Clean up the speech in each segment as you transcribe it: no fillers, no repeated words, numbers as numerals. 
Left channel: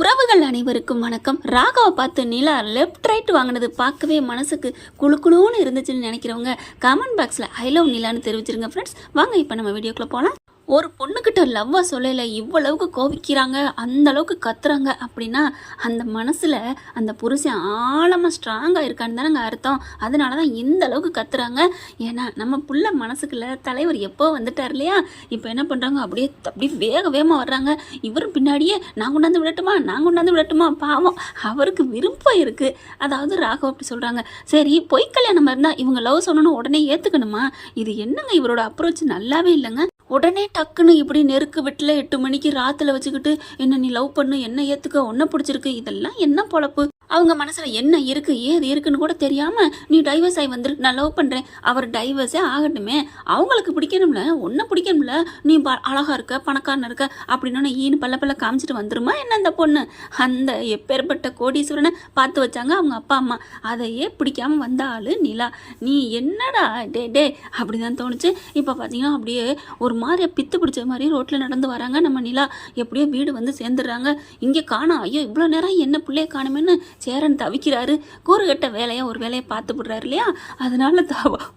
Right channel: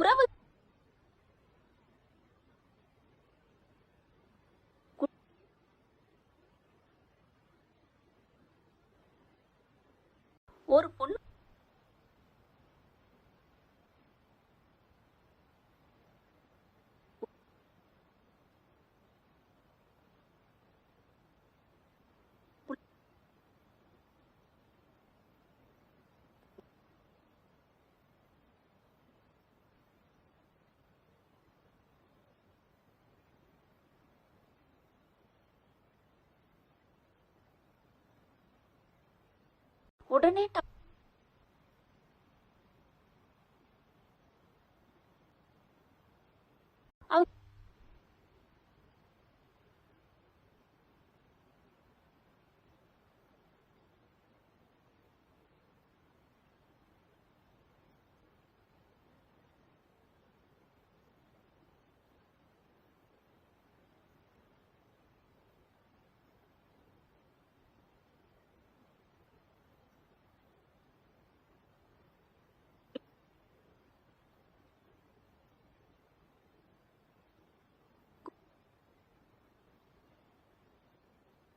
உறவுகள் அனைவருக்கும் வணக்கம். ராகாவை பார்த்து நிலா லெஃப்ட் ரைட் வாங்கினது பார்க்கவே மனசுக்கு குளு குளுன்னு இருந்துச்சுன்னு நினைக்கிறவங்க கமெண்ட் பாக்ஸில் ஐ லவ் நிலான்னு தெரிவிச்சிருங்க ஃப்ரெண்ட்ஸ். வாங்க இப்போ நம்ம வீடியோக்குள்ளே போகலாம். ஒரு பொண்ணுக்கிட்ட லவ்வை சொல்லல இவ்வளவுக்கு கோபிக்கிறாங்க, அந்த அளவுக்கு கத்துறாங்க அப்படின்னா அந்த மனசில் அந்த புருஷன் ஆழமாக ஸ்ட்ராங்காக இருக்கான்னு தானங்க அர்த்தம். அதனால தான் இந்த அளவுக்கு கத்துறாங்க. ஏன்னா நம்ம புள்ள மனசுக்குள்ள தலைவர் எப்போ வந்துட்டார் இல்லையா, இப்போ என்ன பண்ணுறாங்க, அப்படியே வேகமாக வர்றாங்க. இவரும் பின்னாடியே நான் கொண்டாந்து விடட்டுமா, பாவம் அவருக்கு விருப்பம் இருக்குது. அதாவது ராகவ் அப்படி சொல்கிறாங்க. சரி, பொய் கல்யாணம் இருந்தால் இவங்க லவ் சொன்னோன்னு உடனே ஏற்றுக்கணுமா? இது என்னங்க இவரோட அப்ரோச் நல்லாவே இல்லைங்க. உடனே டக்குன்னு இப்படி நெருக்கு வெட்டில் 8 மணிக்கு ராத்தில் வச்சுக்கிட்டு என்ன நீ லவ் பண்ணு, என்ன ஏற்றுக்க, ஒன்றை பிடிச்சிருக்கு, இதெல்லாம் என்ன பொழப்பு? அவங்க மனசில் என்ன இருக்குது ஏது இருக்குன்னு கூட தெரியாமல் நீ டைவர்ஸ் ஆகி வந்துரு, நான் லவ் பண்ணுறேன், அவர் டைவர்ஸே ஆகட்டுமே, அவங்களுக்கு பிடிக்கணும்ல, ஒன்றை பிடிக்கணும்ல, நீ அழகாக இருக்க பணக்காரன் இருக்க அப்படின்னு ஈன்னு பல்ல காமிச்சிட்டு வந்துருமா என்ன அந்த பொண்ணு? அந்த எப்பேற்பட்ட கோடீஸ்வரனை பார்த்து வச்சாங்க அவங்க அப்பா அம்மா, அதையே பிடிக்காம வந்த ஆள் நிலா. நீ என்னடா டே அப்படி தான் தோணுச்சு. இப்போ பார்த்தீங்கன்னா அப்படியே ஒரு மாதிரி பித்து பிடிச்ச மாதிரி ரோட்டில் நடந்து வராங்க நம்ம நிலா. எப்படியோ வீடு வந்து சேர்ந்துடுறாங்க. இங்கே காணோம், ஐயோ இவ்வளோ நேரம் என்ன பிள்ளைய காணுமேன்னு சேரன் தவிக்கிறாரு. கூறுகட்ட ஒரு வேலையை பார்த்து விடுறாரு இல்லையா, அதனால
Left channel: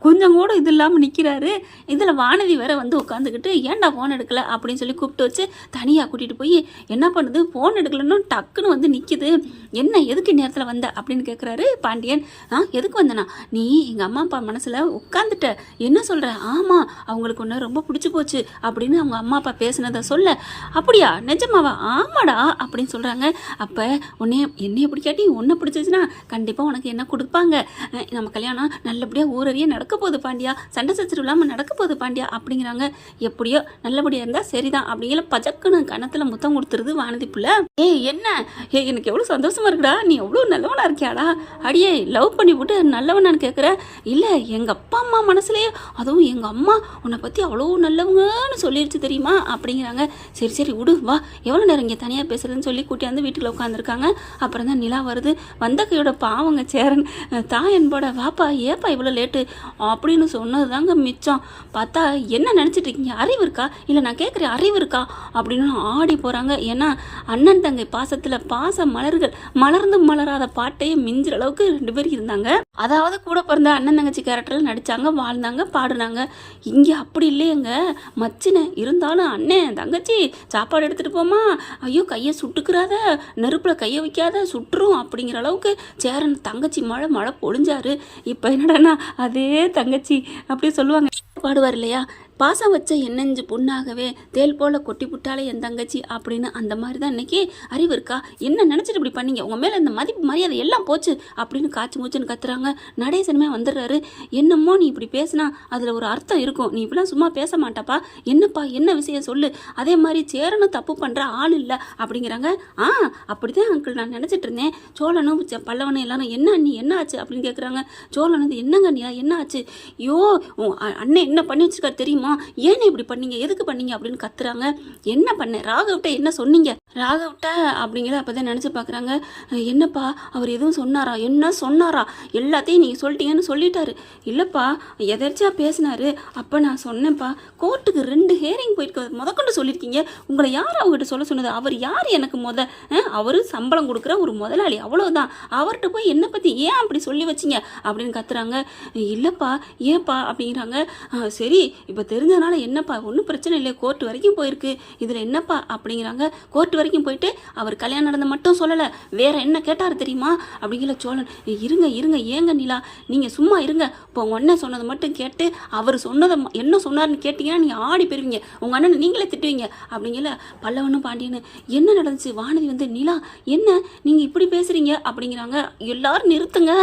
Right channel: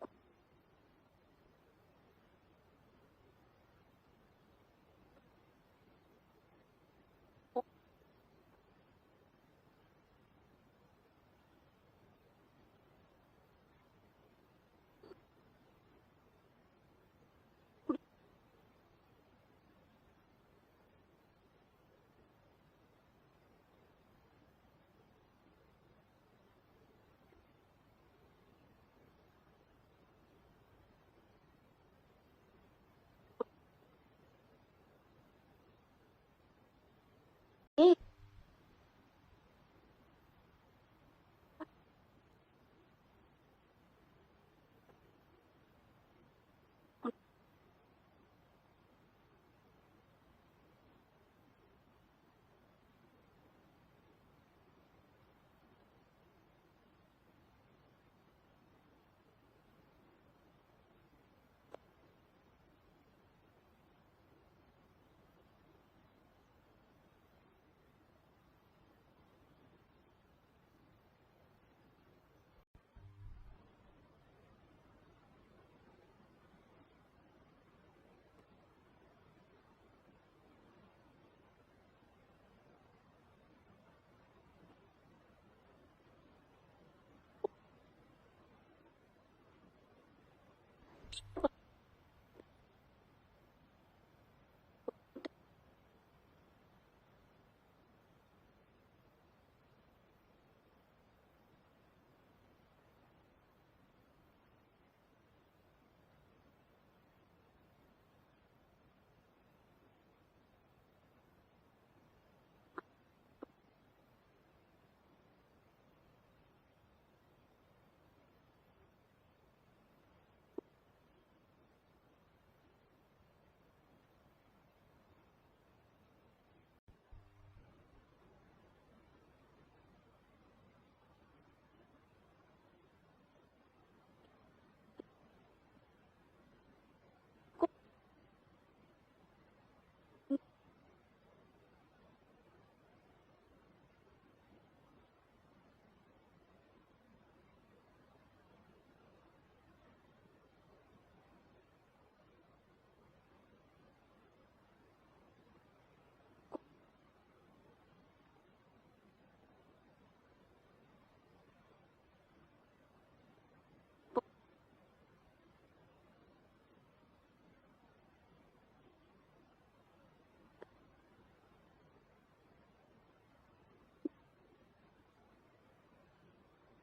கொஞ்சம் கூட இது இல்லாமல் நிற்கிறாரு. இதில் வானதி வேற வந்து உட்காந்துக்கிட்டு ஏன்டா ஃபோன் எடுக்கல அப்படின்னு சொல்லி கூப்பிட்டு வச்சு தனியாக கூட்டிகிட்டு போய் என்ன பண்ணுது, ஃபோன் எடுக்கலன்னு டக்குன்னு வந்து நிற்கிது. என்ன எதுக்கு நேரத்தில் வந்த அப்படின்னு கேட்குறாரு பாண்டியன். எதுக்கு வந்தனா, நீ எங்கள் அம்மா அப்பா மனசில் உட்காந்துட்ட, என்ன சொல்கிற? ஆமாம், அவங்களுக்கு ஒன்று ரொம்ப பிடிச்சி போச்சு அப்படின்னு அவங்க அம்மா அப்பா பேசுனதை சொல்ல. அப்படியா, நிஜமாவா? ஆமாடா அப்படின்னு சொல்கிறாங்க. அப்போ என்னைய பிடிக்காட்டி ஒன்றை பிடிச்சிச்சுன்னா கண்டிப்பாக உனக்கு என்ன கொடுப்பாங்க, நம்ம கல்யாணம் நல்லபடியாக ஊரறிய நடக்க போகுது பாண்டியா, சண்டை சச்சரவு இல்லாமல் நடக்க போகுது பாண்டியா அப்படிங்கிறாங்க. எப்படியோ நல்லபடியாக இருந்தால் சரிதான் அப்படிங்கிற பஜக்குன்னு கணத்தில் முத்தம் கொடுத்துருது வானதி புள்ள. என்ன எனக்கு எவ்வளோ சந்தோஷமா இருக்குடா, நீ எவ்வளோ நல்லவனா இருக்கியாடா, அடியே லவ் பண்ணி விட்டு நல்லவனான்னு கேட்குற? இல்லை, எங்கள் அப்பா அம்மா மனசுலேயே, அதுவும் எங்கள் அம்மா உன்னை பற்றி அவ்வளோ நல்லவங்கன்னு சொல்லிடுச்சு தெரியுமா அப்படிங்கிறாங்க. சரி விடு, வா, எவ்வளோ நேரம் இங்கே தனியாக பேசுறதுன்னு சொல்லி கூட்டியாந்து வீட்டில் உட்காந்துருக்காங்க. அப்புறம் தான் நிலா வருது. வந்த கையோட பாவங்க சேரன் தான் என்போட வாப்பா ஏப்பா இவ்வளோ லேட்டு அப்படின்னு சொன்னது தாங்க மிச்சம். பார்த்தா என்ன நினச்சிட்டு இருக்கீங்க, அறிவு இருக்கா, இல்லை நான் கேட்குறேன் அறிவு இருக்கா அப்படின்னு ஆடி போகிறாங்க. ஏன்னா அண்ணன் தங்கை பாசத்தில் பாச மலர்கள் மலர்ந்து மலராத பாட்டையே மிஞ்சுற அளவுக்கு 2 பேர் இருந்தாங்க. அதாவது கூட பிறந்த அண்ணன் தங்கச்சி கேரக்டரில் நடித்தாங்க, வாழ்ந்தாங்க, பாடுனாங்க. இங்கே அப்படி இல்லையங்க, மச்சின இருந்தாலும் அண்ணன் தங்கச்சி சாப்பாடு எடுத்துகிட்டு போமா, ஐயோ கையை சுட்டுக்கிறாத, நெருப்பில் கையை வைக்காத சுட்டுரும் அப்படிங்கிற அளவுக்கு சேரன் தங்கச்சி மழை பொழிஞ்சாரு. இப்போ என்னடானா அதே தங்கச்சி அப்படியே சொல்லுவாங்க, பாடுவார் இல்லையா, பாசம் வச்ச என்னஞ்சு பொண்ணாகவே தேல் போல் கொட்டி புட்டாலே என் தங்கச்சி அப்படின்னு. அந்த மாதிரி தான் இன்றைக்கி அறிவு இருக்கா, என்ன நினச்சிட்டு இப்படி பண்ணீங்க, உங்கள் மேலே இந்த மதிப்பு மரியாதை எல்லாம் போச்சு அப்படின்னு காய்ச்சி மூச்சுன்னு கத்துறாங்க. நடேசனுமே வந்துடுறாரு. என்னமோ நீ இப்படி பேசினா அதில் ஒரு அர்த்தம் இருக்கும், நீ இப்படிலாம் சும்மா பேச மாட்டாப்பா, என்னப்பா என்ன விஷயம் சொல்லு, அதே மாதிரி சேரனும் தப்பு பண்ணுற ஆள் இல்லை அப்படிங்கிறாங்க. அப்படி தான் அங்கிள் நான் நினச்சிட்டு இருந்தேன், சோழனும் பல்லவனும் எல்லாரும் என்ன நீ என்ன ஆச்சு அப்படின்னு கேட்குறாங்க. சோழன் வந்து என்னங்க நீ என்ன ஆச்சு, ஐயோ அண்ணன் என்ன பண்ணி வச்சிருக்காரு தெரியுமா, ஏன் இப்படி பண்ணீங்க, எதுக்கு பண்ணீங்க அப்படின்னு கத்துறாங்க. என்ன பண்ண, ராகவ்கிட்ட என்ன சொன்னீங்க, ராகவ்கிட்ட அப்படிங்கிற அப்போதான் நினச்சி பார்க்குறாங்க. என்னப்பா அவர் எதுவும் சொன்னாரா, என்ன சொன்னாரா, எல்லாத்தையும் நீங்கள் சொல்லிட்டீங்கன்னு சொல்லிட்டாரு. இல்லைப்பா எதர்ச்சியாக பேசினாரு, அப்போ நான் சொன்னேன்ப்பா, கோர்ட்டுக்கு 2 ஹேரிங் போயிட்டு முதற்கொண்டு சொல்லியிருக்கீங்க, உங்களை யார் அவங்ககிட்ட சொல்ல சொன்னது, அவர் யார் எனக்கு அவர் சம்பளம் கொடுக்குற ஒரு முதலாளி அவ்வளோதான், அவர்கிட்ட போய் என்னை பற்றி ஏன் அப்படி சொல்லி வச்சிங்க அப்படின்னு கத்துறாங்க. இல்லைப்பா ஏன்ப்பா அப்படிங்கிறாங்க. சரி இப்போ தெரிஞ்சதுனால என்னப்பா, ஒன்றும் பிரச்சனை இல்லை, கோர்ட் வரைக்கும் போயிருக்கு, இதில் என்னப்பா அப்படிங்கிறாங்க. கோர்ட் வரைக்கும் போயிட்டு அவர் கல்யாணம் நடந்த மட்டும் சொல்லலை, வேற என்ன கேட்டார் தெரியுமா அப்படிங்கிற. சோழன் இருங்க ஏங்க நிலா, நீங்கள் சும்மா இருங்க, இப்போ உங்கள் அண்ணன் சொன்னதை மட்டும் கேட்டு அவர் சொன்னதை என்ன சொன்னார்னு கேட்டிங்கன்னா நீங்கள் ஆடி போயிருவீங்க, உங்கள் அண்ணனை நீங்களே திட்டுவீங்க அப்படிங்கிற. பல்லவனும் பாண்டியனு என்ன நடந்துச்சு, வானதி வந்து நிலா என்ன நீங்கள் இப்படி பேசுகிறீங்க அப்படிங்கிறாங்க. எல்லாரும் நிறுத்துங்க,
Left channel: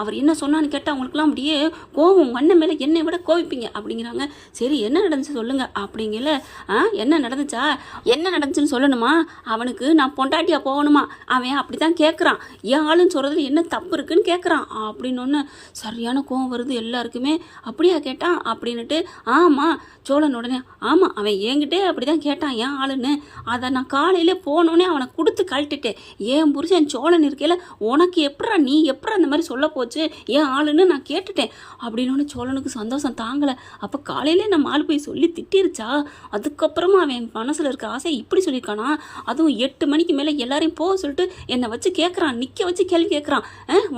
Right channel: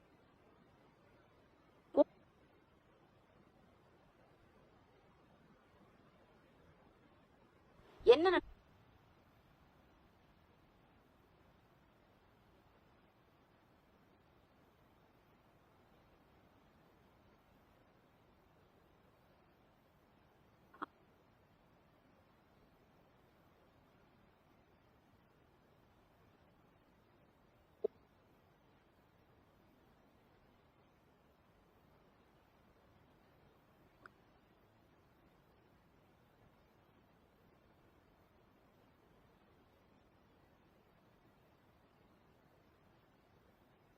அவர் என்ன சொன்னான்னு கேட்டால் அவங்களுக்குலாம் அப்படியே கோவம், உங்கள் அண்ணன் மேலே என்னை விட கோவிப்பீங்க அப்படிங்கிறாங்க. சரி என்ன நடந்துச்சு சொல்லுங்க அப்படிங்கல. என்ன நடந்துச்சா, என்ன நடந்துச்சுன்னு சொல்லணுமா, அவனுக்கு நான் பொண்டாட்டியா போகணுமா, அவன் அப்படி தான் கேட்குறான், என் ஆளுன்னு சொல்கிறதுல என்ன தப்பு இருக்குன்னு கேட்குறான் அப்படின்னு ஒன்று சரியான கோவம் வருது எல்லாருக்குமே. அப்படியா கேட்டான் அப்படின்னுட்டு. ஆமாம் சோழன் உடனே, ஆமாம் அவன் என்கிட்டே அப்படி தான் கேட்டான் என் ஆளுன்னு, அதை நான் காலையிலே போனோடனே அவனை கொடுத்து கழட்டிட்டேன், என் புருஷன் சோழன் இருக்கையில் உனக்கு எப்படா நீ எப்படா அந்த மாதிரி சொல்ல போச்சு என் ஆளுன்னு நான் கேட்டுட்டேன் அப்படின்னு. சோழனுக்கு சந்தோஷம் தாங்கலை. அப்போ காலையிலே நம்ம மாலு போய் சொல்லி திட்டிருச்சா? அதுக்கப்புறமா அவன் மனசில் இருக்க ஆசை இப்படி சொல்லியிருக்கானா? அதுவும் 8 மணிக்கு மேலே எல்லாரையும் போக சொல்லிட்டு என்னை வச்சு கேட்குறான், நிற்க வச்சு கேள்வி கேட்குறான்.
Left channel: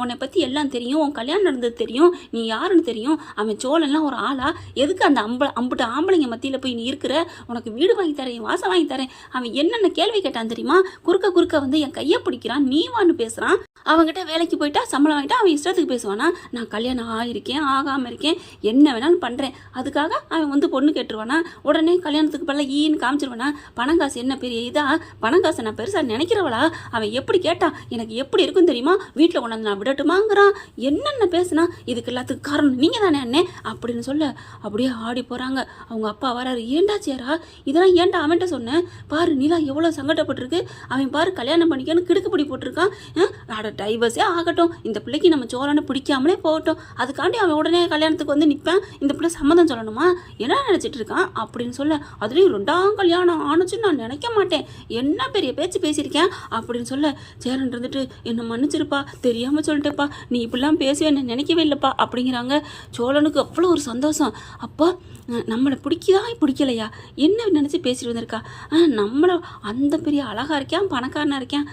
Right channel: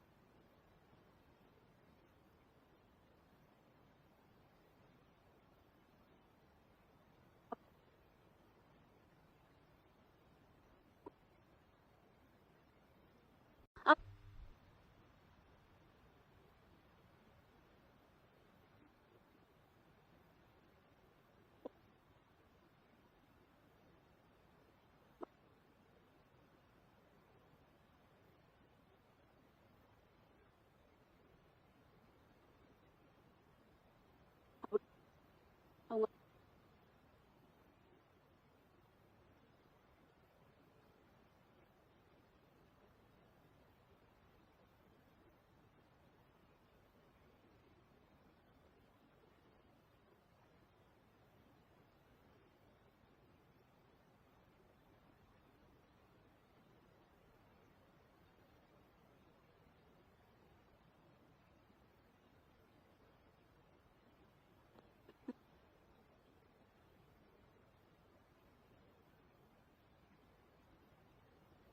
உன்னை பற்றி எல்லாம் தெரியும், உன் கல்யாணம் நடந்தது தெரியும், நீ யாருன்னு தெரியும், அவன் சோழன்லாம் ஒரு ஆளா? எதுக்கு அந்த அம்புட்டு ஆம்பளைங்க மத்தியில் போய் நீ இருக்கிற? உனக்கு வீடு வாங்கி தரேன், வாசம் வாங்கி தரேன். அவன் என்னென்ன கேள்வி கேட்டான் தெரியுமா? குறுக்க வந்து என் கையை பிடிக்கிறான், நீ வான்னு பேசுகிறான். அவங்ககிட்ட வேலைக்கு போயிட்டா சம்பளம் வாங்கிட்டா அவன் இஷ்டத்துக்கு பேசுவானா? நான் கல்யாணம் ஆகிருக்கேன், ஆகாமல் இருக்கேன், என்ன வேணாலும் பண்ணுறேன், அதுக்காக அவன் வந்து பொண்ணு கேட்டுருவானா? உடனே கல்யாணத்துக்கு பல்ல ஈன்னு காமிச்சிருவானா? பணம் காசு என்ன பெரிய இதா? பணம் காசை நான் பெருசாக நினைக்கிறவளா? அவன் எப்படி கேட்டான், எனக்கு எப்படி இருக்கும் தெரியுமா? வீட்டில் கொண்டாந்து நான் விடட்டுமாங்கிறான். என்னென்ன பேசுனா? இதுக்கு எல்லாத்துக்கு காரணம் நீங்கள் தானே அண்ணே அப்படின்னு சொல்ல அப்படியே ஆடி போகிறாங்க. அவங்க அப்பா வராரு. ஏண்டா சேரா இதெல்லாம் ஏன்டா அவன்கிட்ட சொன்னேன்? பாரு நிலா எவ்வளோ சங்கடப்பட்டிருக்கு. அவன் பாரு கல்யாணம் பண்ணிக்கன்னு கிடுக்குப்படி போட்டிருக்கான். டைவர்ஸே ஆகட்டும், இந்த பிள்ளைக்கு நம்ம சோழனை பிடிக்காமலே போகட்டும், அதுக்காண்டி அவன் உடனே கல்யாணத்துக்கு வந்து நிற்பேன், இந்த பிள்ளை சம்மதம் சொல்லணுமா? என்ன நினச்சிட்டு இருக்கான் அப்படின்னு சொல்ல, அதுலேயும் 2ஆம் கல்யாணம் ஆணுச்சுன்னு நான் நினைக்க மாட்டேன், என்ன பெரிய பேச்சு பேசியிருக்கேன் அப்படின்னு சொல்ல, சேரன் இருந்துட்டு என்னை மன்னிச்சிருப்பா, தெரியாமல் சொல்லிட்டேப்பா, நீ இப்படிலாம் பேசுவேன்னு நினைக்கவே இல்லைப்பா அப்படிங்கிறாங்க. சோழனுக்கு அவ்வளோ ஒரு சந்தோஷம். அப்போ நம்மளை பிடிக்கலையா என்ன நினச்சி பேசிட்டு வந்திருக்கா? நம்மளை அந்த பெரிய அழகாக இருக்கான், பணக்காரனாக இருக்கான்,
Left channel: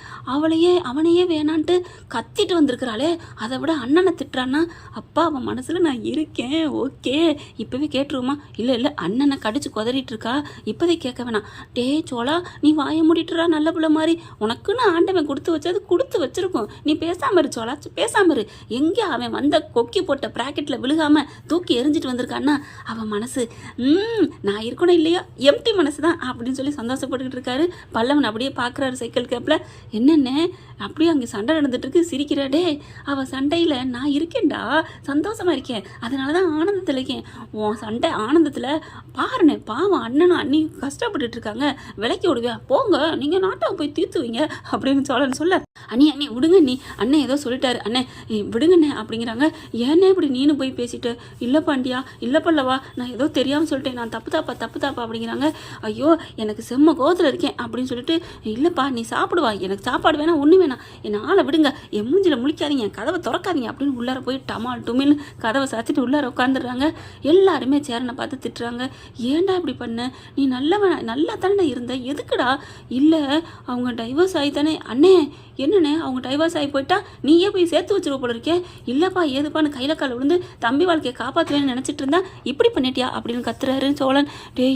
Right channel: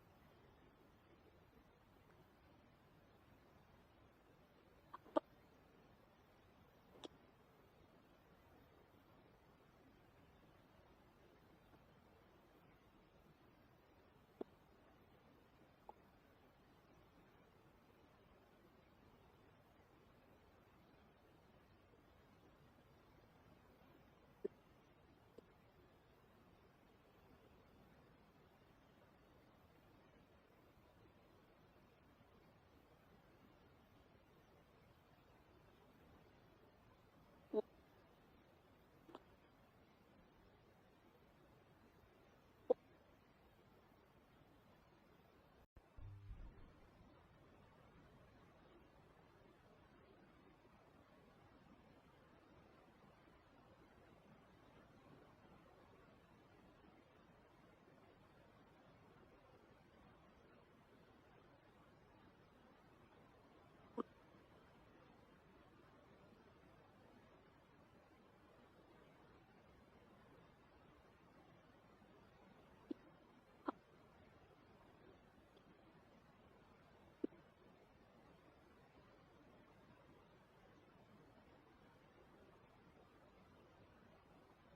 அவனையே வேணான்ட்டு கத்திட்டு வந்திருக்கிறாளே, அதை விட அண்ணனை திட்டுறான்னா? அப்பா அவன் மனசில் நான் இருக்கேன், ஓகே இப்போவே கேட்டுருவோமா? இல்லை அண்ணனை கடிச்சு குதறிட்டு இருக்கா, இப்போதே கேட்க வேணாம். டே சோழா நீ வாயை மூடிட்டுறா, நல்ல பிள்ளை மாதிரி, உனக்குன்னு ஆண்டவன் கொடுத்து வச்சிருக்கோம், நீ பேசாம இரு சோழா, பேசாம இரு. எங்கே அவன் வந்த கொக்கி போட்ட ப்ராக்கெட்டில் விழுகாம தூக்கி எரிஞ்சிட்டு வந்திருக்கான்னா அவன் மனசு நான் இருக்கணும் இல்லையா, எம்டி மனசு தான் அப்படின்னு சொல்லி சந்தோஷப்பட்டுக்கிட்டு இருக்காரு. பல்லவன் அப்படியே பார்க்குறாரு சைக்கிள் கேப்பில். என்னென்ன அப்படியே அங்கே சண்டை நடந்துட்டு இருக்கு, சிரிக்கிறாடே. அவள் சண்டையில் நான் இருக்கேன்டா, சந்தோஷமா இருக்கேன், அதனால தான் ஆனந்தத்தில் இருக்கேன். உன் சண்டை ஆனந்தத்தில் பாருண்ணே, பாவம் அண்ணனும் அண்ணி கஷ்டப்பட்டுட்டு இருக்காங்க, விலைக்கு விடுவியா, போங்க நீங்கள் நாட்டாவை போய் தீர்த்துவீங்க அப்படின்னு சோழன் சொல்ல, அண்ணி விடுங்க, நீ அண்ணன் ஏதோ சொல்லிட்டாரு, அண்ணே விடுங்கண்ணே அப்படிங்கிறாங்க. ஏன்னே இப்படி நீனு போய் பேசிட்டு? இல்லை பாண்டியா, இல்லை பல்லவா, நான் ஏதோ தெரியாமல் சொல்லிட்டேன், நான் தப்பு தாப்பா அப்படிங்கிறாங்க. ஐயோ எனக்கு செம்ம கோவத்தில் இருக்கேன் அப்படின்னு சொல்லிட்டு, இல்லைப்பா நீ சாப்பிடுவா, எனக்கு சாப்பாடு வேணாம், ஒன்று வேணாம், என்னை ஆளை விடுங்க, என் மூஞ்சில் முழிக்காதீங்க, கதவை திறக்காதீங்க அப்படின்னு உள்ளார போய் டமால் டுமின்னு கதவை சாத்திட்டு உள்ளார உட்காந்துடுறாங்க. எல்லாருமே சேரனை பார்த்து திட்டுறாங்க. ஏன்டா இப்படி பண்ண, நீ நல்லா தானே இருந்த, எதுக்குடா? இல்லை அவங்க டைவர்ஸ் ஆகி தானே. அண்ணே என்னண்ணே அவங்க டைவர்ஸ் ஆகி போயிட்டா நீயே போய் சேர்த்து வச்சிருவ போல இருக்கே. இல்லைப்பா ஏதுப்பான்னு கையில் கால் விழுந்து தம்பி வாழ்க்கையை காப்பாற்றுவேன்னு நினச்சிட்டு இருந்தா இப்படி பண்ணிட்டியா அப்படின்னு கத்துறாரு சோழன்.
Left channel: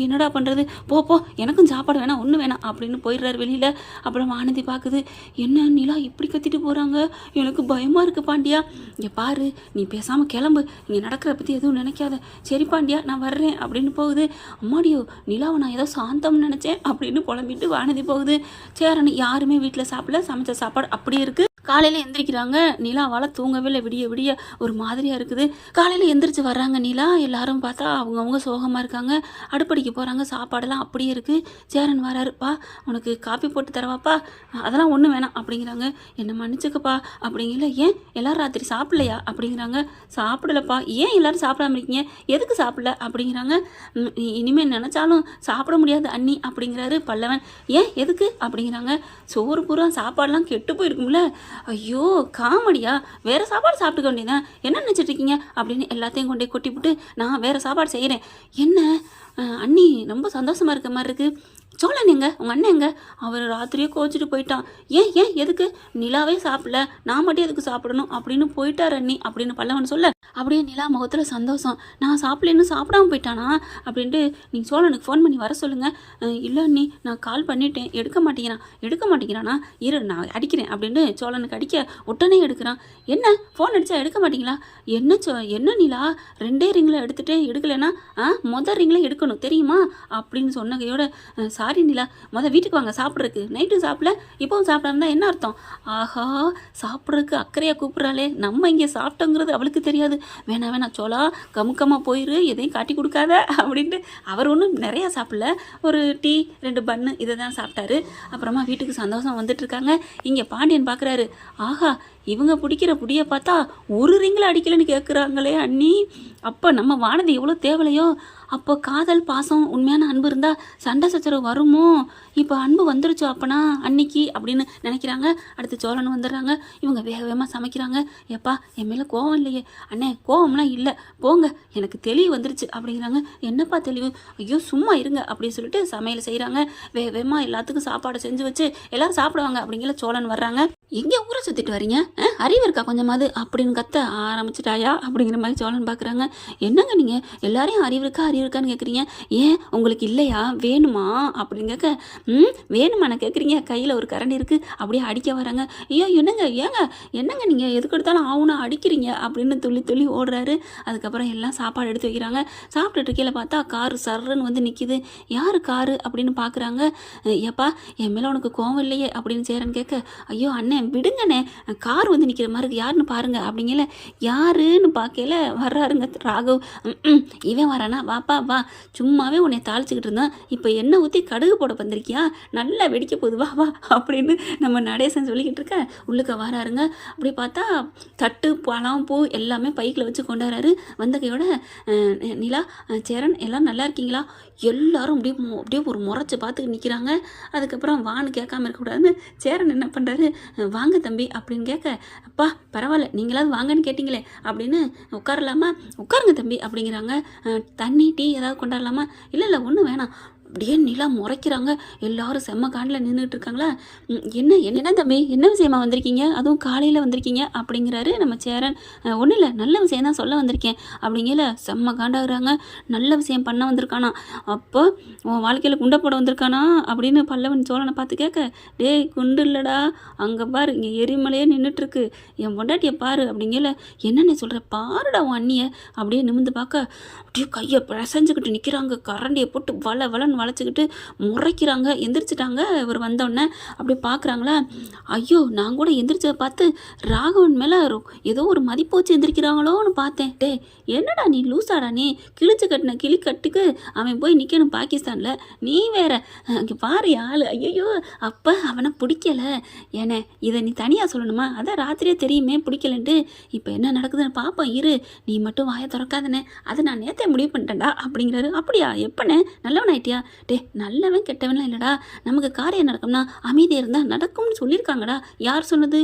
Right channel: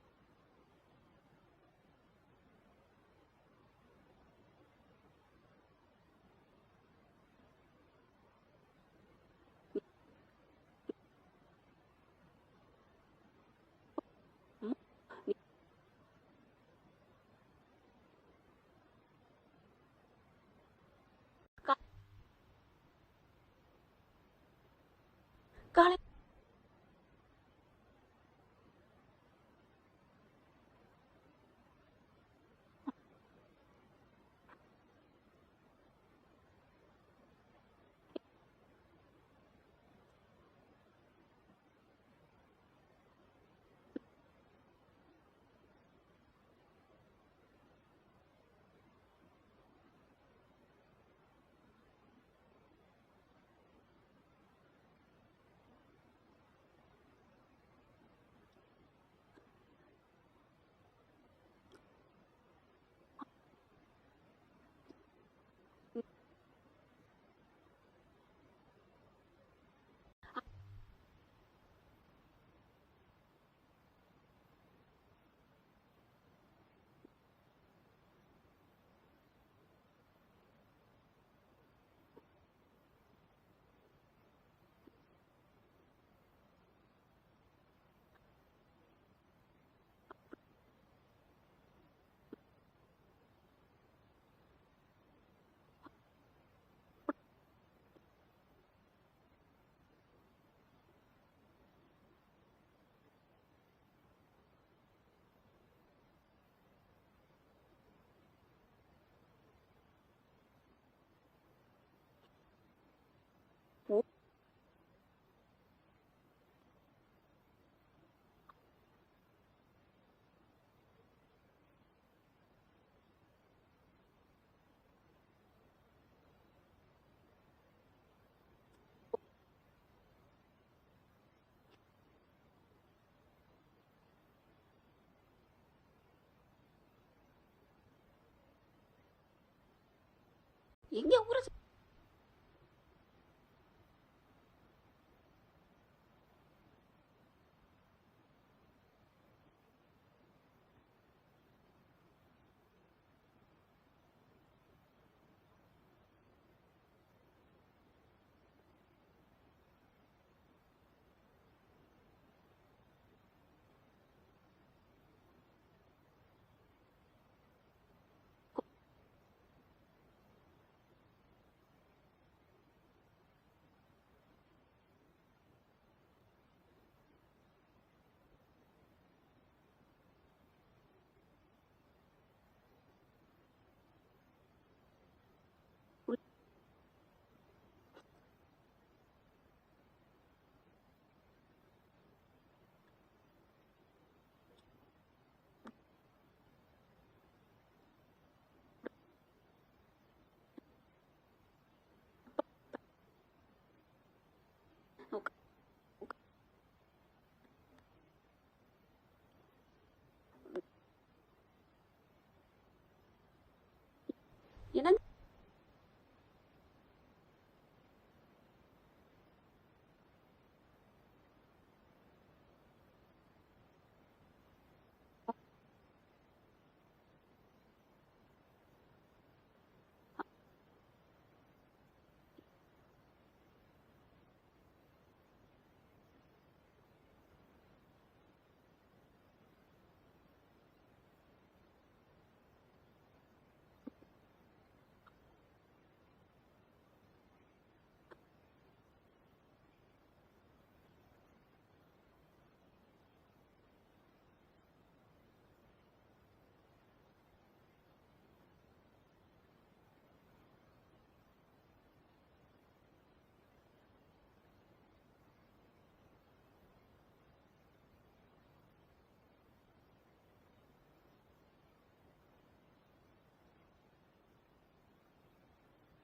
என்னடா பண்ணுறது, போ எனக்கும் சாப்பாடு வேணாம், ஒன்று வேணாம் அப்படின்னு போயிடுறாரு வெளியில். அப்புறம் ஆனந்தி பார்க்குது, என்ன நிலா இப்படி கத்திட்டு போகிறாங்க, எனக்கு பயமாக இருக்குது பாண்டியா. இங்கே பாரு நீ பேசாமல் கிளம்பு, இங்கே நடக்கிற பற்றி எதுவும் நினைக்காத, சரி பாண்டியா நான் வர்றேன் அப்படின்னு போகுது. அம்மாடியோ நிலாவை நான் ஏதோ சாந்தம்னு நினச்சேன் அப்படின்னு புலம்பிட்டு வானதி போகுது. சேரன் யாருமே வீட்டில் சாப்பிடல, சமைச்ச சாப்பாடு அப்படியே இருக்குது. காலையில் எந்திரிக்கிறாங்க. நிலாவால் தூங்கவே இல்லை, விடிய ஒரு மாதிரியாக இருக்குது. காலையில் எந்திரிச்சு வர்றாங்க நிலா, எல்லாரும் பார்த்தா அவங்கவுங்க சோகமாக இருக்காங்க. அடுப்படிக்கு போகிறாங்க, சாப்பாடெல்லாம் அப்படியே இருக்குது. சேரன் வராருப்பா, உனக்கு காப்பி போட்டு தரவாப்பா? அதெல்லாம் ஒன்றும் வேணாம் அப்படிங்கிறாங்க. என்னை மன்னிச்சுக்கப்பா அப்படிங்கல. ஏன் எல்லாரும் ராத்திரி சாப்பிட்லையா அப்படிங்கிறாங்க. சாப்பிடலப்பா. ஏன் எல்லாரும் சாப்பிடாம இருக்கீங்க, எதுக்கு சாப்பிடல அப்படிங்கிறாங்க. இனிமேல் நினச்சாலும் சாப்பிட முடியாது அண்ணி அப்படிங்கிறாரு பல்லவன். ஏன் எதுக்கு அப்படிங்கிறாங்க. சோறு பூரா சாப்பாடெல்லாம் கெட்டு போயிருக்கும்ல. ஐயோ காமெடியா, வேறு சாப்பாடு சாப்பிட்டுக்க வேண்டியதான், என்ன நினச்சிட்டு இருக்கீங்க அப்படின்னு எல்லாத்தையும் கொண்டே கொட்டிவிட்டு நான் வேறு சாப்பாடு செய்கிறேன். என்ன அண்ணி ரொம்ப சந்தோஷமாக இருக்க மாதிரி இருக்குது. சோழன் எங்க, உங்கள் அண்ணன் எங்க? அவர் ராத்திரியே கோச்சிட்டு போயிட்டான். ஏன் எதுக்கு? நிலாவே சாப்பிடல, நான் மட்டும் எதுக்கு சாப்பிடணும் அப்படின்னு போயிட்டார் அண்ணி அப்படின்னு பல்லவன் சொல்ல, அப்படியே நிலா முகத்தில் சந்தோஷம். நான் சாப்பிடலன்னு சாப்பிடாம போயிட்டானா அப்படின்ட்டு நீங்கள் சோழனுக்கு ஃபோன் பண்ணி வர சொல்லுங்கள். இல்லை அண்ணி நான் கால் பண்ணிட்டேன், எடுக்க மாட்டேங்கிறானா, இரு நான் அடிக்கிறேன் அப்படின்னு சோழனுக்கு அடிக்க உடனே எடுக்கிறான். என்ன ஃபோன் அடித்தா எடுக்க மாட்டீங்களா? என்ன நிலா 2 ரிங்கில் எடுத்துகிட்டே எடுக்கலைன்னா மொதல் ரிங்கில் எடுக்கணும் தெரியுமா அப்படின்னு சொன்னகையோட, சாரி நிலா, வீட்டுக்கு வாங்க சாப்பிட்றதுக்கு, நைட்டு சாப்பிடல இப்போவும் சாப்பிடாம தான் என்ன அர்த்தம்? ஆஹா சாப்பிட்றதுக்கு அக்கறையாக கூப்பிட்றாளே, நம்ம இங்கே சாப்பிட்டோங்கிறது அவளுக்கு தெரியாது. வேணா சோளா கமுக்கமாக போயிரு, எதையும் காட்டி கொடுக்காத அப்படின்ட்டு அவர் ஒன்றும் நிறையா சாப்பிடல, ஒரு டீ 2 பன்னு இதை தான் சாப்பிட்டாரு. அப்புறமா வீட்டுக்கு சந்தோஷம் வந்துட்டுருக்காங்க. இங்கே பாண்டியன் பார்க்குறாரு, ஆஹா இவங்க பிடிக்கிற புடியை பார்த்தா ஒரு ரிங்கில் அடிக்கலன்னு கேட்குறாங்களே அண்ணி. அப்போ நம்ம வானதி எவ்வளோ தேவலையோ, அப்போ காதல் பாசம் உண்மையான அன்பு இருந்தால் சண்டை சச்சரவு வருமோ? இப்போ அன்பு வந்துருச்சோ அப்பனா அன்னைக்கு அப்படின்னு நினைக்கிறாங்க. அடுத்து சோழன் வந்துடுறாங்க. இவங்க வேக வேகமாக சமைக்கிறாங்க. ஏப்பா என் மேலே கோவம் இல்லையே? அண்ணே கோவம்லாம் இல்லை, போங்க, எனக்கு தெளிவு வந்துருச்சு அப்படிங்கிறாங்க. என்னப்பா தெளிவு? ஐயோ சும்மா இருங்க அப்படின்னு சொல்லிட்டு சமையல் செய்கிறாங்க. வேக வேகமாக எல்லாத்துக்கும் சாப்பாடு செஞ்சு வச்சு எல்லோரும் சாப்பிடுவாங்க. அப்படிங்கிற சோழன் வர்றாங்க. எங்கே ஊரை சுற்றிட்டு வரீங்க? அறிவு இருக்கா கொஞ்சமாவது அப்படின்னு கத்த ஆரம்பிச்சிட்டாயா அப்படிங்கிற மாதிரி சோழன் பார்க்குறாங்க. என்னங்க நீங்கள் எல்லாரையும் அறிவு இருக்கான்னு கேட்குறீங்க, ஏன் உங்களுக்கு இல்லையா, வேணுமா அப்படின்னு கேட்க, வேணுமா நான் கேட்குறீங்க, கையில் ஒரு கரண்டி இருக்குது அப்படியே அடிக்க வராங்க. ஐயோ என்னங்க நீங்கள் எதுக்கு எடுத்தாலும் ஆவுனா அடிக்கிறீங்க அப்படின்னு துள்ளி துள்ளி ஓடுறாரு. அதுக்கப்புறம் எல்லாம் சாப்பாடு எடுத்து வைக்கிறாங்க. சாப்பிட்டுட்டு கீழே பார்த்தா காரு சர்ன்னு வந்து நிற்கிது. யார் காரு அப்படின்னு பார்க்குறாங்க. ஏப்பா என் மேலே உனக்கு கோவம் இல்லையே அப்படின்னு சேரன் கேட்க, ஐயோ அண்ணே விடுங்கண்ணே, கார் வந்து நிற்கிற மாதிரி யாருன்னு பாருங்க அப்படிங்கல. யாருன்னு பார்க்கல வர்றாருங்க ராகவ். இவன் வரானா, வாப்பா வா, சும்மாவே உன்னை தாளிச்சுக்கிட்டு இருந்தான், இப்போ எண்ணெய் ஊற்றி கடுகு போட வந்திருக்கியா, நல்லா வெடிக்க போகுது, வா வா அப்படின்னு நம்ம நடேசன் சொல்லிக்கிட்டு இருக்க உள்ளுக்க வராருங்க. அப்படி பார்த்தா தட்டு பழம் பூ எல்லாமே பைக்கில் வச்சு கொண்டாடுறாரு. வந்த கையோட நிலா சேரன் எல்லாம் நல்லா இருக்கீங்களா? எல்லாரும் அப்படியே ஒரு முறைச்சி பார்த்துக்கிட்டு நிற்கிறாங்க. அதுக்கப்புறம் வான்னு கேட்காம இருக்கக்கூடாதுன்னு சேரன் என்ன பண்ணுறாரு, வாங்க தம்பி அப்படின்னு கேட்க, அப்பா பரவாயில்ல நீங்களாவது வாங்கன்னு கேட்டிங்களே அப்படின்னு, உட்காரலாமா? உட்காருங்க தம்பி அப்படிங்கிறாங்க. தண்ணி டீ ஏதாவது கொண்டாடலாமா? இல்லை ஒன்றும் வேணாம். அப்படியே நிலா முறைக்கிறாங்க. எல்லாரும் செம்ம காண்டில் நின்றுட்டு இருக்காங்களா. என்ன தம்பி, என்ன விஷயமா வந்திருக்கீங்க, அதுவும் காலையில் வந்திருக்கீங்க அப்படிங்கிறாரு நம்ம சேரன். ஒன்றும் இல்லை, நல்ல விஷயம் தான் சொல்ல வந்திருக்கேன் அப்படிங்கல செம்ம காண்டாகிறாங்க. நல்ல விஷயம் பண்ண வந்திருக்கானா, அப்போ உன் வாழ்க்கையில் குண்டை போட வந்திருக்கானா அப்படின்னு பல்லவன் சோழனை பார்த்து கேட்க, டேய் குண்டு இல்லைடா, அங்கே பாரு இங்கே எரிமலையே நின்றுட்டுருக்கு, என் பொண்டாட்டியை பாரு அப்படிங்கல. என்னென்ன சொல்கிற, பாருடா உன் அண்ணியை அப்படியே நிமிந்து பார்க்க அப்படியே கையை பிசைஞ்சுக்கிட்டு நிற்கிறாங்க. கரண்டியை போட்டு வளன்னு வளைச்சிக்கிட்டு முறைக்கிறாங்க. எந்திரிச்சிட்டாங்க. இவர் வந்தோடனே அப்படி பார்க்குறாங்களா. ஐயோ நான் கூட எந்திரிச்சதை பார்த்து ராகவன் மேலே ஏதோ ஒரு மதிப்பு வச்சு எந்திரிக்கிறாங்களோன்னு பார்த்தேன். டே என்னடா நீ லூசாடா, நீ கிழிச்சு கட்டின கிளி கட்டுக்கு அவன் போய் நிற்கணும் பாகிஸ்தானில், நீ வேற அங்கே பாரு ஆள். ஐயோ அப்போ அவனை பிடிக்கல. ஏன்னா இதை நீ தனியாக சொல்லணுமா? அதான் ராத்திரியே தெரியுமே பிடிக்கலன்ட்டு. இப்போ என்ன நடக்குதுன்னு பார்ப்போம் இரு, நீ மட்டும் வாயை திறக்காதனே, அதை நான் நேற்றே முடிவு பண்ணிட்டேன்டா அப்படிங்கிறாரு. அப்படியா, எப்பனே நல்லவன் ஆயிட்டியா? டே நல்லவன் கெட்டவன்லாம் இல்லைடா, நமக்கு காரியம் நடக்கும்னா அமைதியாக இருந்தால் நடக்கும்னு சொல்லியிருக்காங்கடா. யார் சொன்னது?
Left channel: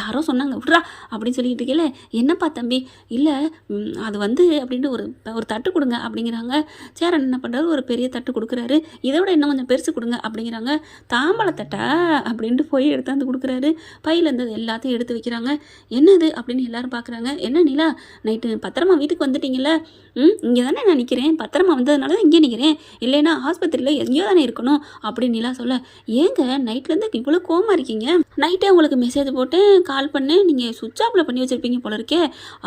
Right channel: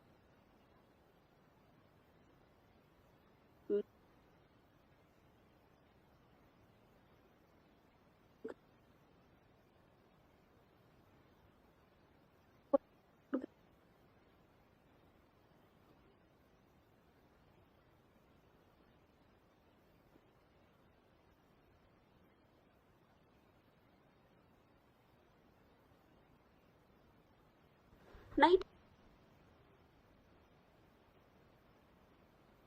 யாரோ சொன்னாங்க, விட்றா அப்படின்னு சொல்லிட்டு இருக்கல. என்னப்பா தம்பி? இல்லை அது வந்து அப்படின்ட்டு ஒரு தட்டு கொடுங்க அப்படிங்கிறாங்க. சேரன் என்ன பண்ணுறாரு, ஒரு பெரிய தட்டு கொடுக்குறாரு. இதோட இன்னும் கொஞ்சம் பெருசு கொடுங்க அப்படிங்கிறாங்க. தாம்பழத்தட்டா அப்படின்ட்டு போய் எடுத்தாந்து கொடுக்குறாரு. பையில இருந்தது எல்லாத்தையும் எடுத்து வைக்கிறாங்க. என்னது அப்படின்னு எல்லாரும் பார்க்குறாங்க. என்ன நிலா, நைட்டு பத்திரமா வீட்டுக்கு வந்துட்டீங்கள? இங்கே தானே நான் நிற்கிறேன், பத்திரமா வந்ததுனால தான் இங்கே நிற்கிறேன், இல்லைன்னா ஆஸ்பத்திரியில் எங்கேயோ தானே இருக்கணும் அப்படின்னு நிலா சொல்ல, ஏங்க நைட்லேருந்து இவ்வளோ கோவமாக இருக்கீங்க? நைட்டே உங்களுக்கு மெசேஜ் போட்டேன், கால் பண்ணேன், நீங்கள் சுவிட்ச் ஆஃபில் பண்ணி வச்சுருப்பீங்க போல இருக்கே.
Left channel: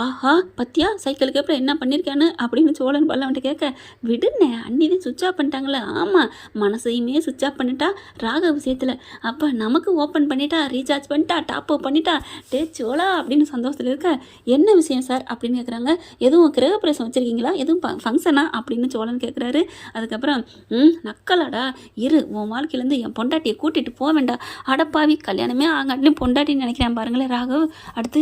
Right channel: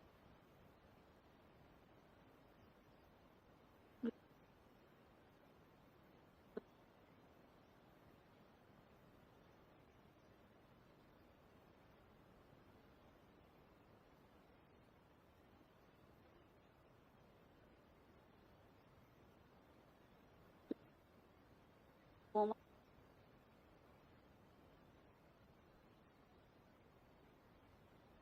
ஆஹா பத்தியா சைக்கிளுக்கு அப்புறம் என்ன பண்ணியிருக்கான்னு அப்படின்னு சோழன் பல்லவன்ட்டு கேட்க, விடுனே அன்னிதான் சுவிட்ச் ஆஃப் பண்ணிட்டாங்களே. ஆமாம், மனசையுமே சுவிட்ச் ஆஃப் பண்ணிட்டா ராக விஷயத்தில், அப்போ நமக்கு ஓப்பன் பண்ணிட்டா, ரீசார்ஜ் பண்ணிட்டா, டாப் அப் பண்ணிட்டா, டே சோழா அப்படின்னு சந்தோஷத்தில் இருக்க. என்ன விஷயம் சார் அப்படின்னு கேட்குறாங்க. எதுவும் கிரகப்பிரவேசம் வச்சுருக்கீங்களா, எதுவும் ஃபங்க்ஷனா அப்படின்னு சோழன் கேட்குறாரு. அதுக்கப்புறம் நக்கலாடா, இரு உன் வாழ்க்கையிலேருந்து என் பொண்டாட்டியை கூட்டிகிட்டு போக வேண்டாம், அடப்பாவி கல்யாணமே ஆகாட்டிலும் பொண்டாட்டின்னு நினைக்கிறேன் பாருங்களேன் ராகவ். அடுத்து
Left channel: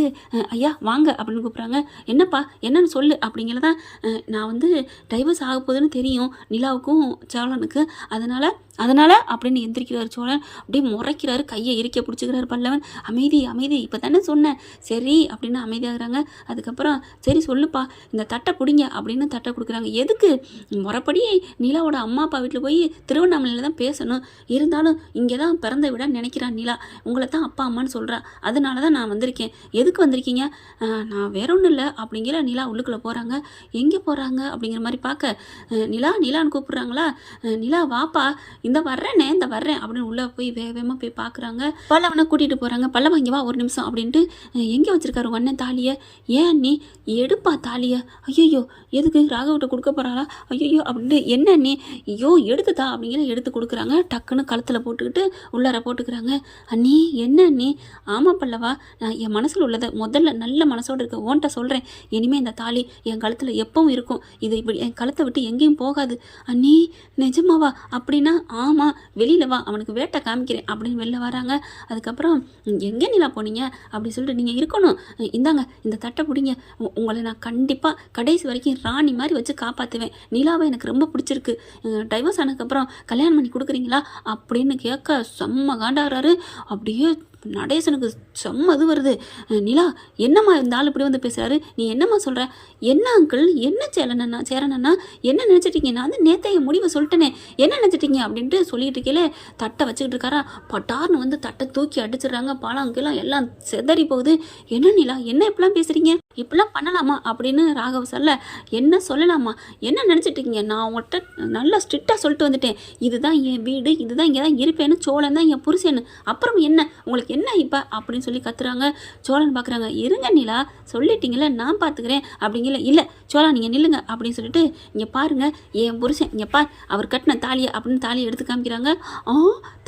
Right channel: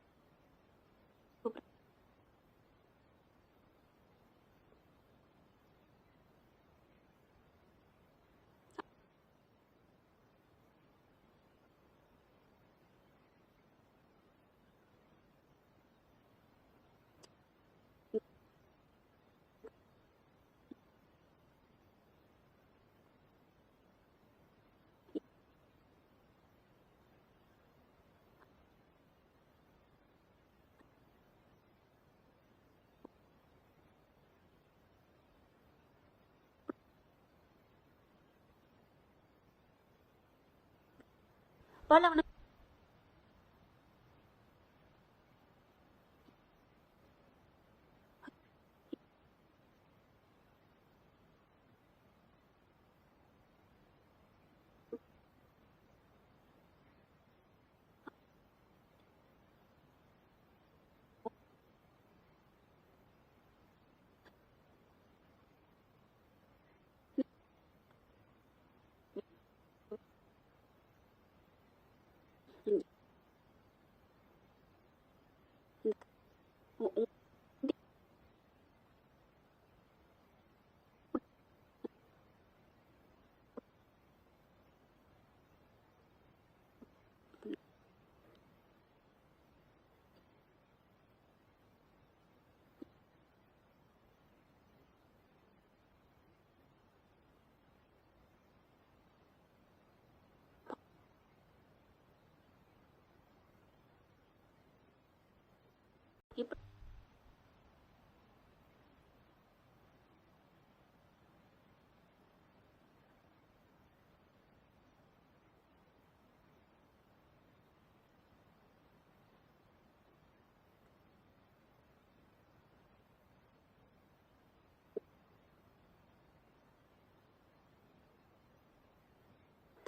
ஐயா வாங்க அப்படின்னு கூப்பிட்றாங்க. என்னப்பா என்னன்னு சொல்லு அப்படிங்கிறதான். நான் வந்து டைவர்ஸ் ஆக போகுதுன்னு தெரியும் நிலாவுக்கும் சோழனுக்கு, அதனால் அப்படின்னு எந்திரிக்கிறார் சோழன். அப்படியே முறைக்கிறாரு, கையை இறுக்க பிடிச்சிக்கிறாரு பல்லவன். அமைதி இப்போ தானே சொன்னேன், சரி அப்படின்னு அமைதியாகிறாங்க. அதுக்கப்புறம் சரி சொல்லுப்பா, இந்த தட்டை பிடிங்க அப்படின்னு தட்டை கொடுக்குறாங்க. எதுக்கு? முறைப்படி நிலாவோட அம்மா அப்பா வீட்டில் போய் திருவண்ணாமலையில் தான் பேசணும், இருந்தாலும் இங்கே தான் பிறந்த விட நினைக்கிறான் நிலா, உங்களை தான் அப்பா அம்மான்னு சொல்கிறா, அதனால தான் நான் வந்திருக்கேன். எதுக்கு வந்திருக்கீங்க? நான் வேற ஒன்றும் இல்லை அப்படிங்கிற நிலா உள்ளுக்குள்ளே போகிறாங்க. எங்கே போகிறாங்க அப்படிங்கிற மாதிரி பார்க்க, நிலான்னு கூப்பிட்றாங்களா. நிலா வாப்பா, இந்த வர்றேன் அப்படின்னு உள்ளே போய் வேகமாக போய் பார்க்குறாங்க. பல்லவனை கூட்டிகிட்டு போகிறாங்க. பல்லவன் இங்கே வா ஒரு நிமிஷம் அப்படின்ட்டு, எங்கே வச்சுருக்காரு அண்ணன் தாலியை? ஏன் நீ எடுப்பா தாலியை? ஐயோ எதுக்கு ராகவிட்ட கொடுக்க போகிறாளா? ஐயோ அப்படின்ட்டு, என்ன நீ ஐயோ எடுத்துதா அப்படிங்கிற எடுத்து கொடுக்குறாங்க. டக்குன்னு கழுத்தில் போட்டுக்கிட்டு உள்ளார போட்டுக்கிறாங்க. அண்ணி என்ன அண்ணி? ஆமாம் பல்லவா, நான் என் மனசில் உள்ளதை முதல்ல நல்ல மனசோடு இருக்க ஓன்ட்ட சொல்கிறேன். இனிமேல் இந்த தாலி என் கழுத்தில் எப்பவும் இருக்கும், இது இப்படி என் கழுத்தை விட்டு எங்கேயும் போகாது. அண்ணி நிஜமாவா? அப்படின்னா ஆமாம் வெளியில் வா, அவனுக்கு வேட்டை காமிக்கிறேன் அப்படின்னு வெளில வராங்க. அதுக்கப்புறம் எங்கே நிலா போனீங்க அப்படி சொல்லிட்டு, நீங்கள் இருக்கணும், இந்தாங்க இந்த தட்டை பிடிங்க, உங்களை நான் கண்டிப்பாக கடைசி வரைக்கும் ராணி மாதிரி வச்சு காப்பாற்றுவேன். நிலாவை எனக்கு ரொம்ப பிடிச்சிருக்கு, டைவர்ஸ் ஆனதுக்கப்புறம் கல்யாணம் பண்ணி கொடுக்குறீங்களா அப்படின்னு கேட்க செம்ம காண்டாகிறாரு. அப்படியே நடேசனுக்கு செம்ம இது வருது. நிலா என்னம்மா இந்த ஆள் இப்படி வந்து பேசுகிறாரு, நீ என்னம்மா சொல்கிற, என்ன அங்கிள், என்ன சேரனண்ணா என்ன நினச்சிட்டீங்க, நான் வந்து நேற்று என் முடிவை சொல்லிட்டேனே, என்ன நினச்சிட்டீங்க அப்படின்ட்டு சொல்லிட்டு இருக்கீங்களே தட்டை வச்சுக்கிட்டு இருக்காரா. பட்டார்னு வந்து தட்டை தூக்கி அடிச்சிடுறாங்க. பாலாங்கெல்லாம் எல்லாம் செதறி போகுது. என்ன நிலா என்ன இப்படிலாம் பேசுகிறீங்க, இப்படிலாம் பண்ணலாமா அப்படின்னு ராகவ் சொல்ல, என்ன சொல்லலாமா, என்ன நினச்சிட்ருக்கீங்க, நான் உங்கள்கிட்ட நல்லா ஸ்ட்ரிக்டாக சொல்லிட்டு வந்துட்டேன், இதுதான் என் வீடு, இதுதான் இங்கே தான் இருப்பேன்னு, சோழன் தான் என் புருஷன்னு, அப்புறம் என்ன உங்களுக்கு என்ன இப்போ அப்படின்னு சொல்லி கத்துறாங்க. சோழன் பார்க்குறாங்க. இருங்க நிலா, சொல்லிட்டீங்களே நான் பார்த்துக்கிறேன் அப்படிங்கல. இல்லை சோழா நீங்கள் நில்லுங்க அப்படின்னு சொல்லிட்டு, இங்கே பாருங்கள் என் புருஷன், இங்கே பார் அவர் கட்டின தாலியை அப்படின்னு தாலியை எடுத்து காமிக்கிறாங்க.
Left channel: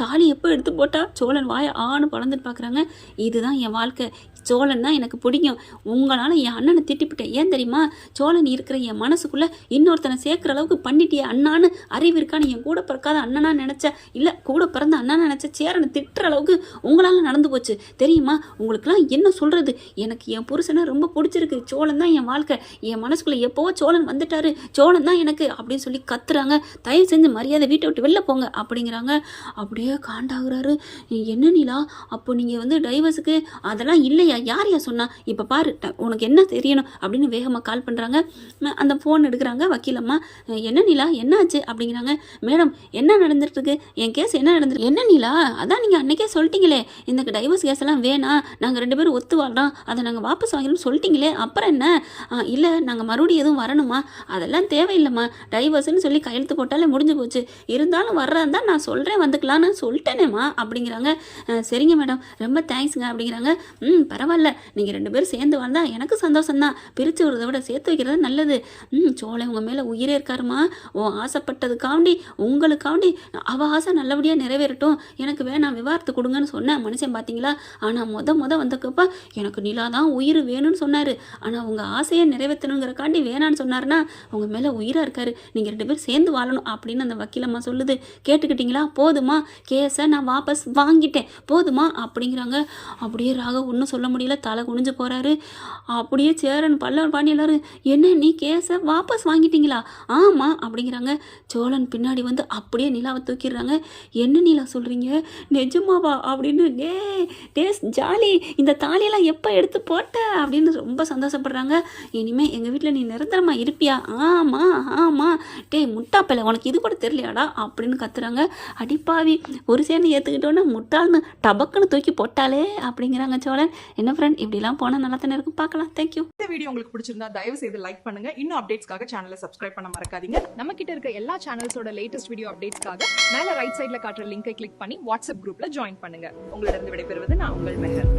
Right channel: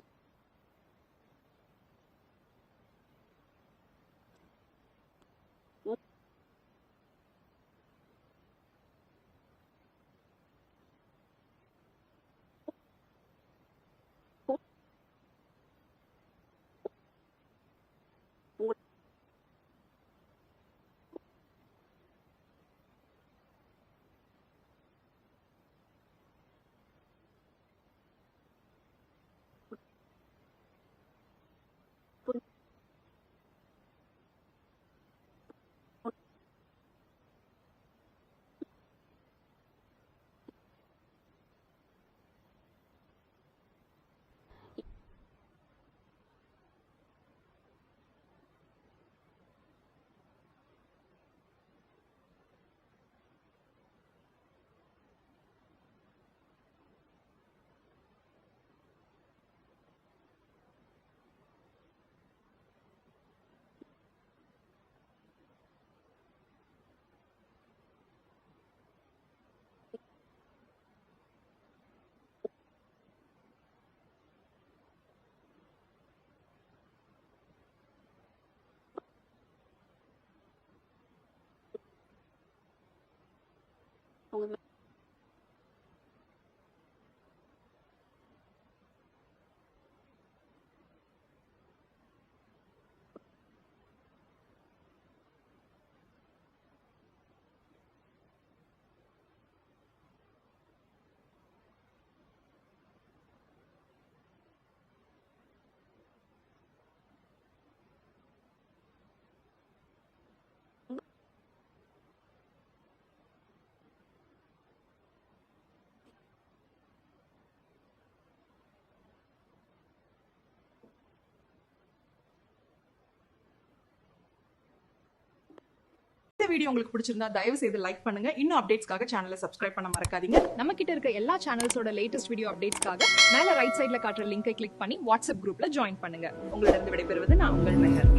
தாலி எப்போ எடுத்து போட்டா சோழன் வாயை ஆணு பழந்துட்டு பார்க்குறாங்க. இதுதான் என் வாழ்க்கை, சோழன் தான் எனக்கு பிடிக்கும், உங்களால் என் அண்ணனை திட்டிப்பிட்டேன், ஏன் தெரியுமா, சோழன் இருக்கிற என் மனசுக்குள்ளே இன்னொருத்தனை சேர்க்குற அளவுக்கு பண்ணிட்டியே அண்ணான்னு அறிவு இருக்கான்னு என் கூட பிறக்காத அண்ணனா நினச்ச, இல்லை கூட பிறந்த அண்ணனா நினச்ச சேரனை திட்டுற அளவுக்கு உங்களால் நடந்து போச்சு தெரியுமா, உங்களுக்குலாம் என்ன சொல்கிறது, எனக்கு என் புருஷனை ரொம்ப பிடிச்சிருக்கு, சோழன் தான் என் வாழ்க்கை, என் மனசுக்குள்ளே எப்போவோ சோழன் வந்துட்டாரு, சோழன் தான் எனக்கு அப்படின்னு சொல்லி கத்துறாங்க. தயவு செஞ்சு மரியாதை வீட்டை விட்டு வெளில போங்க அப்படிங்கிறாங்க. அப்படியே காண்டாகிறாரு. என்ன நிலா, அப்போ நீங்கள் வந்து டைவர்ஸுக்கு அதெல்லாம் இல்லையா, யார் சொன்னா, இப்போ பாரு உனக்கு என்ன தெரியணும் அப்படின்னு வேகமாக கால் பண்ணுறாங்க. அந்த ஃபோன் எடுக்கிறாங்க வக்கீலம்மா. என்ன நிலா என்னாச்சு அப்படிங்கிறாங்க. மேடம் என்ன நடந்துட்டுருக்கு, என் கேஸ் என்ன நடந்துருக்கு, என்ன நிலா அதான் நீங்கள் அன்றைக்கே சொல்லிட்டீங்களே இந்த டைவர்ஸ் கேஸ் எல்லாம் வேணாம், நாங்கள் 2 பேரும் ஒத்து வாழ்றோம், அதை நாங்கள் வாபஸ் வாங்கணும்னு சொல்லிட்டீங்களே, அப்புறம் என்ன, இல்லை நாங்கள் மறுபடியும் எதுவும் வரணுமா, அதெல்லாம் தேவையில்லைம்மா, டைவர்ஸ்ன்னு சொல்லி கையெழுத்து போட்டாலே முடிஞ்சு போச்சு, இருந்தாலும் வர்றதான் தான் நான் சொல்கிறேன் வந்துக்கலான்னு சொல்லிட்டேனேம்மா அப்படிங்கிறாங்க. சரிங்க மேடம் ரொம்ப தேங்க்ஸுங்க அப்படிங்கிறாங்க. பரவாயில்ல, நீங்கள் 2 பேரும் சேர்ந்து வாழ்ந்தா எனக்கு சந்தோஷம்தான், பிரித்து விடுறத விட சேர்த்து வைக்கிறது நல்லது. சோழன் உங்கள் மேலே உயிரே இருக்காருமா, ஆசைப்பட்டதுக்காண்டி உங்களுக்காண்டி அவள் ஆசை நல்லபடியாக நிறைவேறட்டும், எனக்கு வேணாம் விவாகரத்து கொடுங்கன்னு சொன்னேன் மனுஷன் பார்த்தீங்களா, ஆனால் முத வந்தக்கப்பா எனக்கு நிலா தான் உயிர் வேணும்னு சொன்னார், ஆனால் உங்கள் ஆசையை நிறைவேற்றணுங்கிறக்காண்டி வேணான்னு சொன்னார்னா உங்கள் மேலே உயிராக இருக்காரு, நீங்கள் 2 பேரும் சேர்ந்து வாழணும் அப்படின்னு அந்த வக்கீலம்மா சொல்லுது. கேட்டுக்கிட்டீங்களா, போதுமா, கேஸை நான் வாபஸ் வாங்கிட்டேன் போதுமா அப்படிங்கிறாங்க. அப்படியே ராக ஒன்றும் சொல்ல முடியல, தலை குனிஞ்சு போகிறாரு. அப்படியே சேரன் பல்லவன் பாண்டி எல்லாரும், என்ன நீ கேஸை வாபஸ் வாங்கிட்டீங்களா, ஆமாம் அப்படிங்கிறாங்க. சோழன் பின்னாடி வந்து அப்படியே நிலாவை தூக்கிடுறாங்க. என்ன நிலா சொல்கிறீங்க, நிஜமாவா அப்படின்னு, டே ஜாலி, இந்த தாலியெல்லாம் எப்போ எடுத்து போட்ட அப்படின்னு ரொம்ப சந்தோஷப்படுறாங்க. இனிமேல் எங்கள் வீட்டில் நீ நிரந்தரமாக இருப்பியா, ஆமாம் டே முட்டாப்பையில உனக்கு இது கூட தெரியலையாடா அப்படின்னு கத்துறாங்க. அடிப்பாவி ஒரு சேர்ந்து ஏற்றுக்கிட்டோன்னு முட்டாள்னு டபக்குன்னு தூக்கி போட்டாலே அப்படிங்கிறாங்க சோழன். என்ன ஃப்ரெண்ட் இப்படிலாம் போனால் நல்லா தானே இருக்கும், பார்க்கலாம். தேங்க்யூ. இந்த வீடியோ உங்களுக்கு பிடிச்சிருந்தா தயவு செய்து லைக் பண்ணுங்க. இன்னும் அப்டேட்ஸ்க்காக சேனலை சப்ஸ்கிரைப் பண்ண மறக்காதீங்க. நம்ம கிட்ட இருக்க எல்லா சேனல்ஸோட லேட்டஸ்ட் வீடியோ அப்டேட்ஸ்க்காக மேல ரைட் சைடுல காட்டுற லிங்கை கிளிக் பண்ணி வாட்ஸ்அப் குரூப்ல ஜாயின் பண்ணுங்க. உங்களிடம் விடைபெறுவது நான் உங்கள் மெஹர்.